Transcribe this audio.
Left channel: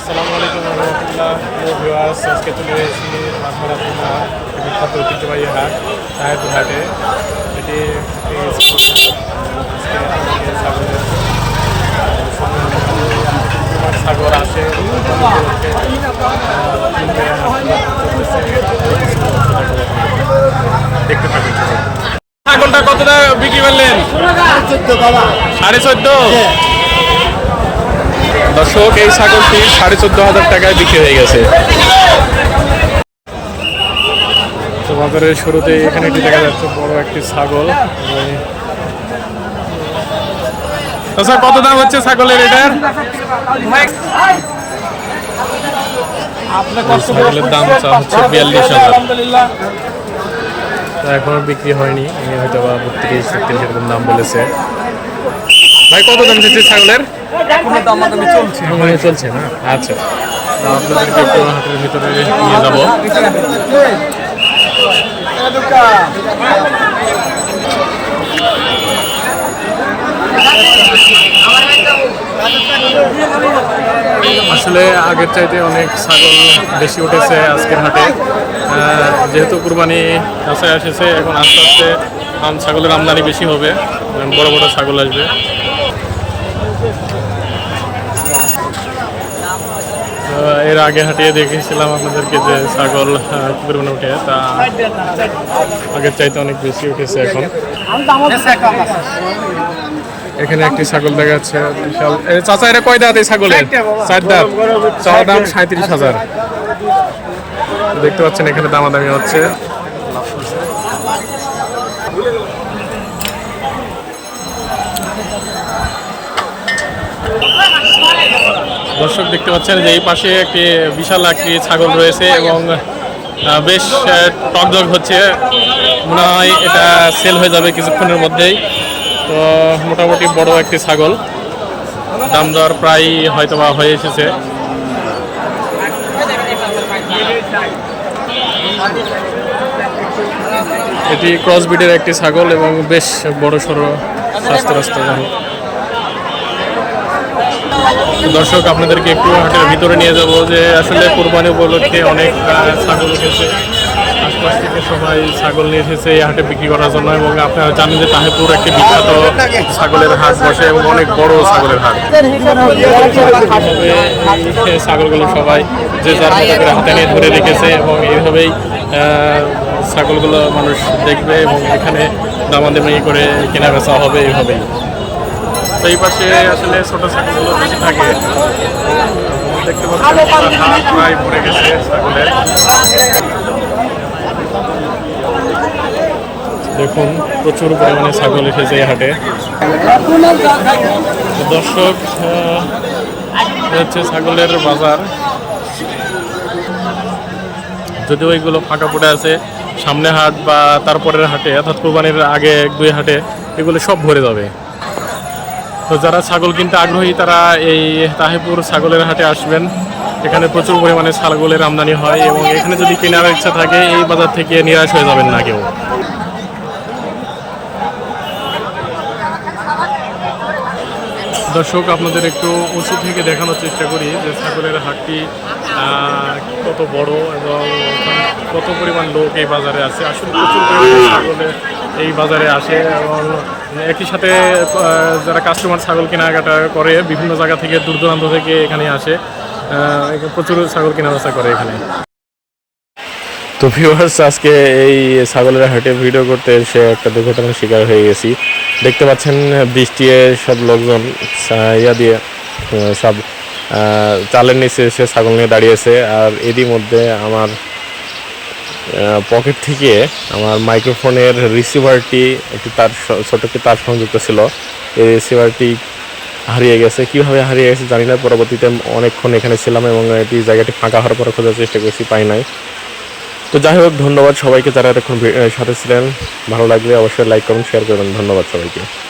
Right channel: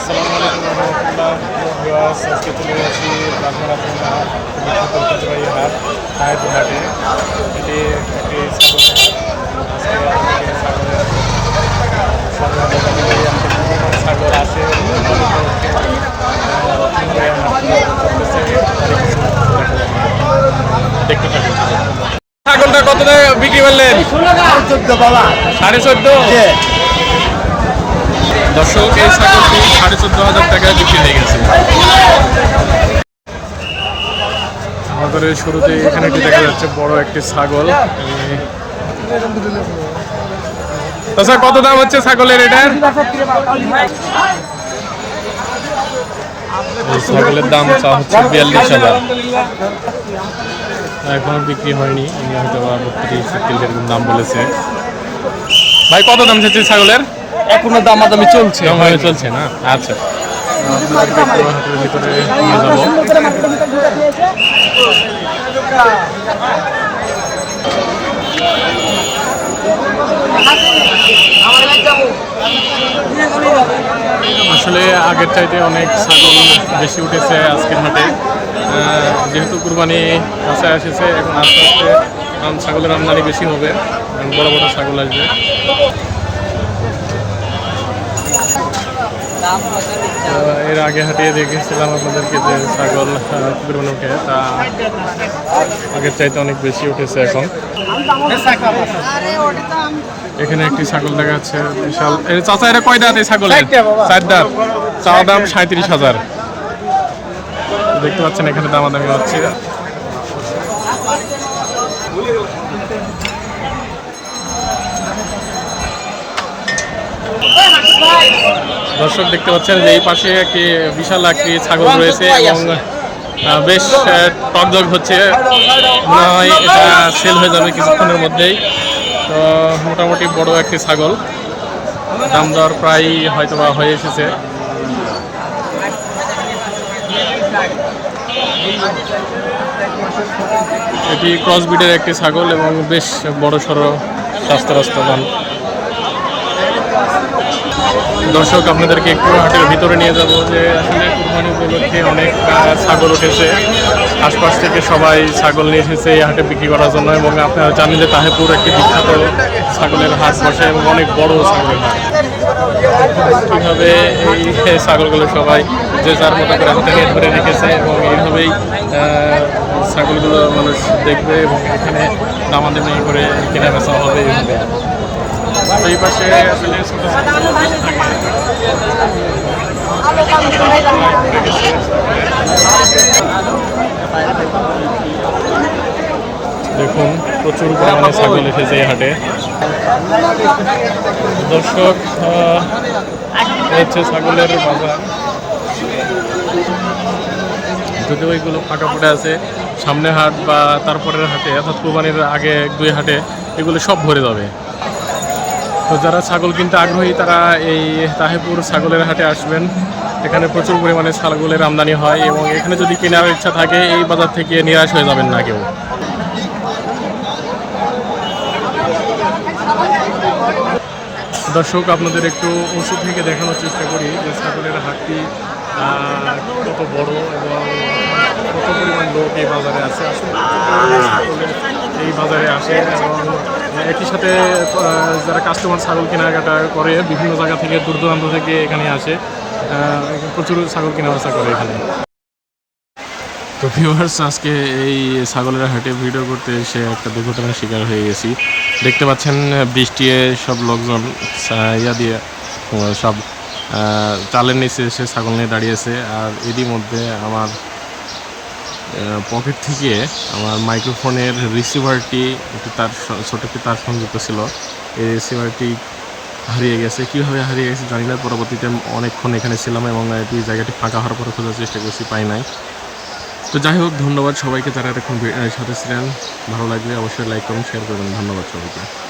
আসসালামু আলাইকুম রহমতুল্লাহ। ভিওয়ার্স আজকে চলে এসেছি বাগমারা থানার একটি বিখ্যাত ঐতিহ্যবাহী হাট তাহেরপুর হাটে। এটি একটি ছাগলের হাট। আজকে আমাকে ছাগলের সংগ্রহ দেখাবো এই হাটে কী পরিমাণ ছাগল আসে উপলক্ষে আহ, কীভাবে হাট চলতেছে। তারই কিছু অংশ দেখাবো। দেখতে থাকুন। ছাগলটা কত বিক্রি করলেন? সাড়ে চোদ্দ দর্শক, এই ছাগলটি সাড়ে চোদ্দ হাজার টাকায় বিক্রি হয়ে গেছে। বাজারের শুরুতে এখানে একটি দেখা যাচ্ছে বড় একটি ছাগল। এই- তো স্যার, কত দাম হচ্ছে ছাগলের এটার? ছাগলের দাম চা হচ্ছে বিয়াল্লিশ হাজার। এখনও বিক্রি হয়নি ইনি হয়তো বা বত্রিশ তেত্রিশ এরকম দাম বলেছে। ভাই, কত দাম চাইছে ছাগলের? এখনও দামাদামি চলছে? দাম হয়ে। চলছে না? আচ্ছা। আপনাদেরকে একটু হাটের ভিতরে নিয়ে যাব। আসলে আগের চাইতে অনেক ছাগল বেশি উঠেছে আজকের হাটে। যেহেতু কুরবানি কাছে এসেছে এখন আস্তে আস্তে আম ছাগলের আমদানি বেশি হবে। বড় বড় ছাগল আসবে তো এর আগে হাঁটিয়ে দেখেছিলাম আপনাদেরকে যে ছাগল কি পরিমাণে উঠে তা আগের চাইতে অনেক বেশি উঠেছে এখন। এখানে একটি ছাগল দেখা যাচ্ছে বিশাল। চাচা এটা কয় দাঁত এই ছাগলের? চার দাঁত। চাওয়া দাম সাঁত্রিশ হাজার। দেখতে পাচ্ছেন এখানে দামাদামি হচ্ছে। দর্শক দেখতে পাচ্ছেন যে এই পাশে একটি বিশাল একটি ছাগল রয়েছে এবং বেশ আহ, টকজগ হচ্ছে। মনে হয় এটা সেল হয়ে যাবে কিছুক্ষণের মধ্যেই। তো মোটামুটি বড় একটি ছাগল। দাম দর প্রায় হয়তো বা হয়ে এসেছে। এটি ক্রস ব্রিডের একটি ছাগল এবং বেশ বড় সড়ো স্বাস্থ্য রাস্তাবান দর্শক, আপনাদেরকে একটু হাটের ভিতরে নিয়ে যাব যে আসলে কোরবানি উপলক্ষে অনেক ছাগল উঠেছে। আশপাশ থেকে সবাই ছাগল নিয়ে এসেছে এই হাটে বিক্রি করার জন্য এবং আপনারা জানেন যে তাহেপুর একটি বিখ্যাত ছাগলের হাট বসে এবং অনেক বড় ছাগলের হাট। কীভাবে এই ছাগলগুলো সবাই যে যার মতো করে হাতে নিয়ে ধরে রেখেছে এবং এইভাবেই ছাগলগুলো মানুষ দেখবে এবং এখানে দামাদামি করে কেনা বেচা হবে এইভাবেই। তো এই পাশে আসলে ছোট ছাগলগুলো বেশি থাকে। দেখতে পাচ্ছেন পুরো প্রায় ভরে গেছে ছাগলের দেখুন, প্রচুর পরিমাণে ছাগল এসেছে এই হাটে। দর্শক হচ্ছে ছাগলের বাজার। যদিও এইগুলো ফাঁকা পড়ে আছে, সামনে হাট বা তারপরের হাটে, অর্থাৎ কোরবানির আগে এক দুই হাটে, এগুলো সব ভরে যাবে। তো যারা ছাগল কিনতে আগ্রহী, তারা এই তাহেপুর ছাগলের হাটে আসবেন। এখানে প্রচুর পরিমাণে ছাগলের আমদানি হয় এবং এখানে যদি কেনার ইচ্ছা থাকে, এই বাজার থেকে নিরাশ হয়ে যাবেন না কেউ। দর্শক, আপনাদের একটু উঁচু থেকে দেখানোর চেষ্টা করি যে ছাগলের হাটটি কত বড় এবং কত পরিমাণ লোক এই বাজারে আছে। আসলে প্রচুর পরিমাণে ছাগলের এই বাজারে আসে এবং একই সাথে যারা কাস্টমার ছাগল কেনাকাটা করে, বিভিন্ন জায়গা থেকে, দূর দূরান্ত থেকে এখানে আসে প্রচুর ছাগল কেনা বেচা করে এখানে। তো ভিউয়ার্স আজকে এই ছাগলের হাটে ভিডিও করতে এসে একটা দুর্ঘটনার শিকার হয়ে গেছি। দেখতে পাচ্ছেন, বৃষ্টি সব লোকজন ইয়া দিয়ে সব চালের নিচে এসে ছাগল নিয়ে দাঁড়িয়েছে আর এরই মধ্যে আমার পকেট থেকে আমার মাইক্রোফোনের রিসিভারটি একটি তার ছোট একটি তার সংযুক্ত ছিল। এই রিসিভারটি হারিয়ে গেছে। কীভাবে হারিয়ে গেছে জানি না। পরবর্তীতে অনেকক্ষণ এখানে ছিলাম এবং এটি জায়গাটি ফাঁকা হওয়ার পরে খোঁজার চেষ্টা করেছি, পাই নাই। তো যাই হোক, ধন্যবাদ সবাইকে যারা এতক্ষণ সাথে ছিলেন। ভালো লাগলে অবশ্যই লাইক কমেন্ট শেয়ার করবেন। ধন্যবাদ সবাইকে।